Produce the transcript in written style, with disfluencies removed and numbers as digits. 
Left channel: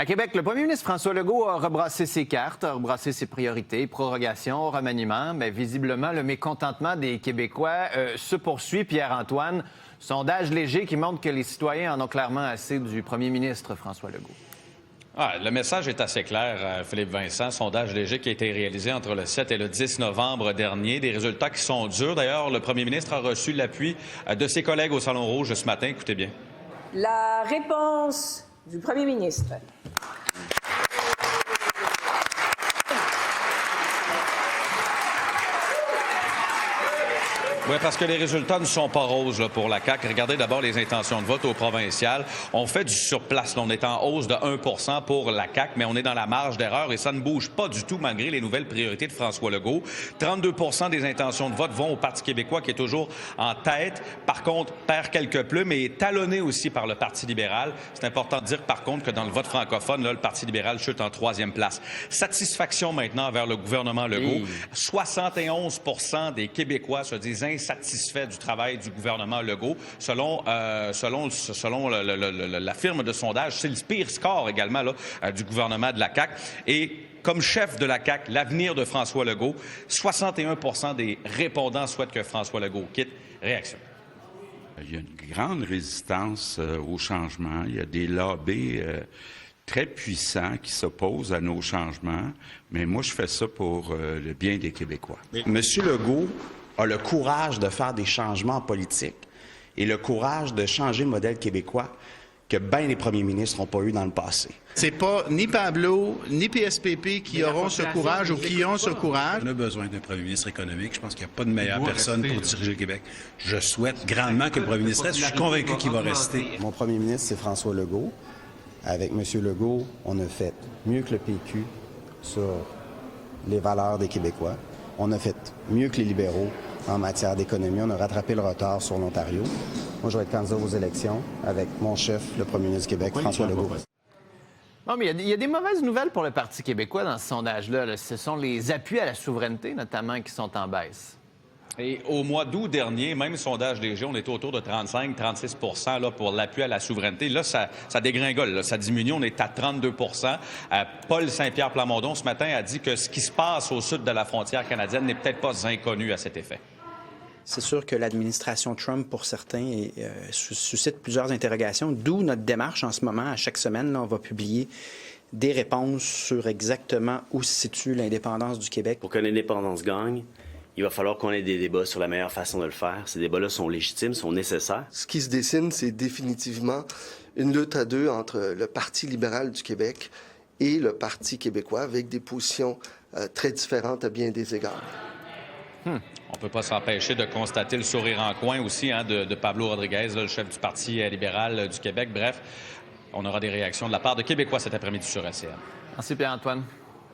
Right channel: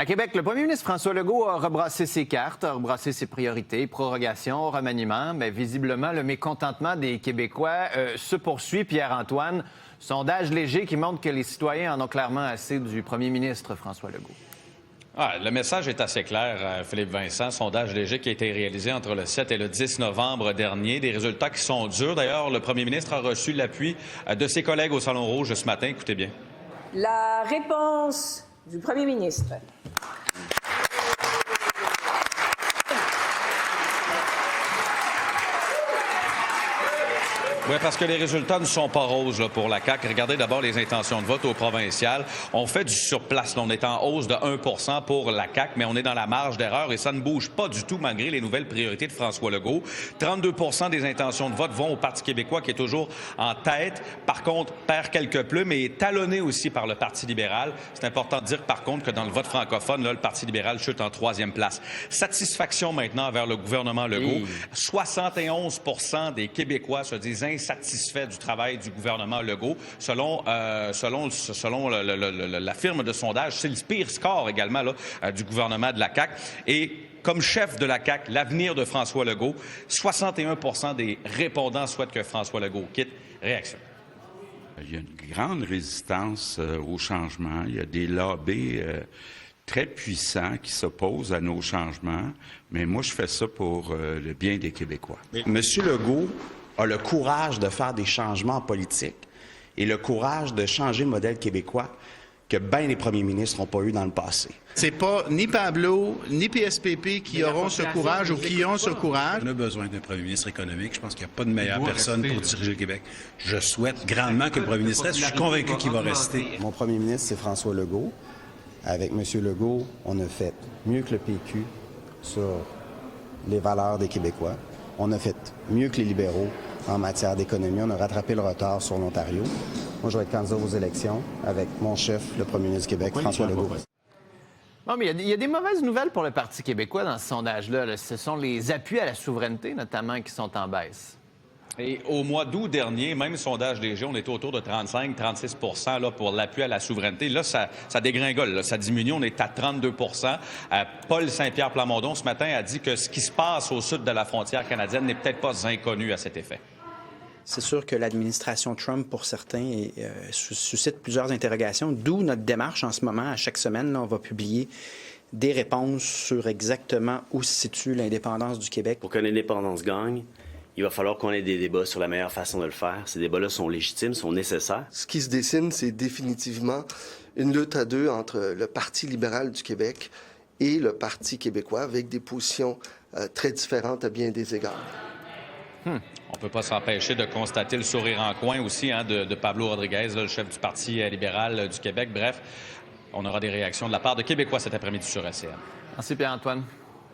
À Québec, le premier ministre François Legault a rebrassé ses cartes, a rebrassé ses priorités, prorogation, remaniement, mais visiblement, le mécontentement des Québécois se poursuit. Pierre-Antoine, sondage léger qui montre que les citoyens en ont clairement assez du premier ministre François Legault. Ouais, le message est assez clair, Philippe Vincent. Sondage léger qui a été réalisé entre le 7 et le 10 novembre dernier. Des résultats qui sont durs. D'ailleurs, le premier ministre a reçu l'appui de ses collègues au Salon Rouge ce matin. Écoutez bien. La réponse du premier ministre. Oui, parce que les résultats ne sont pas roses là, pour la CAQ. Regardez d'abord les intentions de vote au provincial. On fait du surplace. Là, on est en hausse de 1 % pour la CAQ, mais on est dans la marge d'erreur et ça ne bouge pas du tout malgré les nouvelles priorités de François Legault. 32 % des intentions de vote vont au Parti québécois qui est toujours en tête. Par contre, perd quelques plumes et est talonné aussi par le Parti libéral. C'est important de dire par contre que dans le vote francophone, là, le Parti libéral chute en 3e place. Satisfaction maintenant envers le gouvernement Legault. 71 % des Québécois se disent insatisfait du travail du gouvernement Legault. Selon la firme de sondage, c'est le pire score également là, du gouvernement de la CAQ. Et comme chef de la CAQ, l'avenir de François Legault, 61 % des répondants souhaitent que François Legault quitte. Réaction. Il y a une grande résistance au changement. Il y a des lobbies très puissants qui s'opposent à nos changements. Mais moi, je fais ça pour le bien des Québécois. Monsieur Legault a le courage de faire des changements politiques et le courage de changer le modèle québécois que bien les premiers ministres n'ont pas eu dans le passé. C'est pas ni Pablo, ni PSPP qui auront ce courage ou qui ont ce courage. On a besoin d'un premier ministre économique. Je pense qu'il n'y a pas de meilleure personne pour diriger le Québec. Je souhaite grandement que le premier ministre reste. Je suis convaincu qu'il va rester. Mon premier ministre, c'est François Legault. Avec M. Legault, on a fait mieux que le PQ sur les valeurs des Québécois. On a fait mieux que les libéraux en matière d'économie. On a rattrapé le retard sur l'Ontario. Moi, je vais être candidat aux élections avec mon chef, le premier ministre du Québec, François Legault. Non, mais il y a des mauvaises nouvelles pour le Parti québécois dans ce sondage-là. Là. Ce sont les appuis à la souveraineté, notamment, qui sont en baisse. Et au mois d'août dernier, même sondage léger, on était autour de 35-36 % là, pour l'appui à la souveraineté. Là, ça dégringole, là, ça diminue. On est à 32 % Paul Saint-Pierre Plamondon, ce matin, a dit que ce qui se passe au sud de la frontière canadienne n'est peut-être pas inconnu à cet effet. C'est sûr que l'administration Trump, pour certains, suscite plusieurs interrogations, d'où notre démarche en ce moment. À chaque semaine, là, on va publier des réponses sur exactement où se situe l'indépendance du Québec. Pour que l'indépendance gagne, il va falloir qu'on ait des débats sur la meilleure façon de le faire. Ces débats-là sont légitimes, sont nécessaires. Ce qui se dessine, c'est définitivement une lutte à deux entre le Parti libéral du Québec et le Parti québécois, avec des positions très différentes à bien des égards. On ne peut pas s'empêcher de constater le sourire en coin aussi de Pablo Rodriguez, là, le chef du Parti libéral du Québec. Bref, on aura des réactions de la part de Québécois cet après-midi sur RCN. Merci Pierre-Antoine.